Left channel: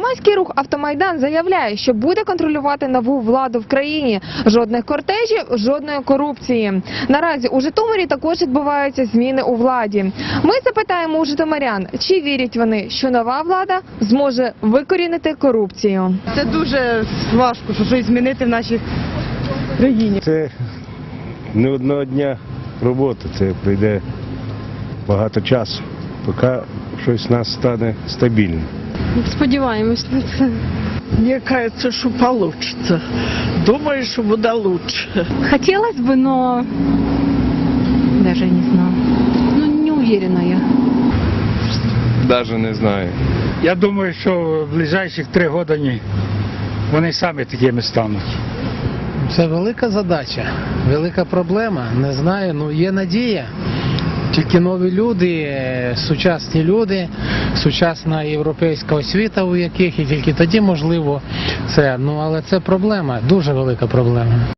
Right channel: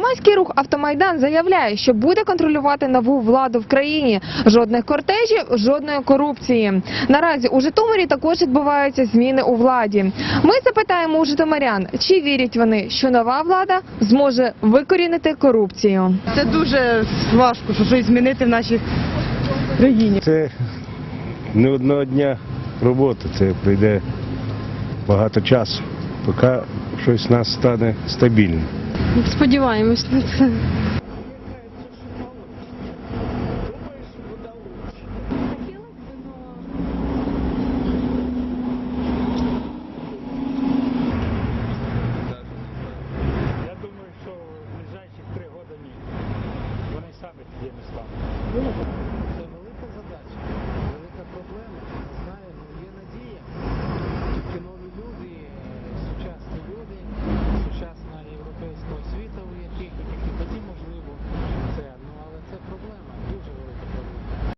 Громадський рух Автомайдан заявляє, що буде контролювати нову владу в країні. Жодних кортежів, жодної корупції. Наразі у Житомирі також відбуваються зміни у владі. Ми запитаємо у житомирян, чи вірять вони, що нова влада зможе викорінити корупцію. Це дуже важко, що щось змінити в нашій країні. Це не одного дня роботи, це прийде багато часу, поки щось в нас стане стабільним. Сподіваємось на це. Мне кажется, что получится. Думаю, что будет лучше. Хотелось бы, но даже не знаю. Ну, не уверена я. Навіть не знаю. Я думаю, що в ближайших три роки ні. Вони самі такими стануть. Це велика задача, велика проблема. Не знаю, ну є надія. Тільки нові люди, сучасні люди, сучасна європейська освіта, у яких і тільки тоді можливо це. Ну але це проблема, дуже велика проблема.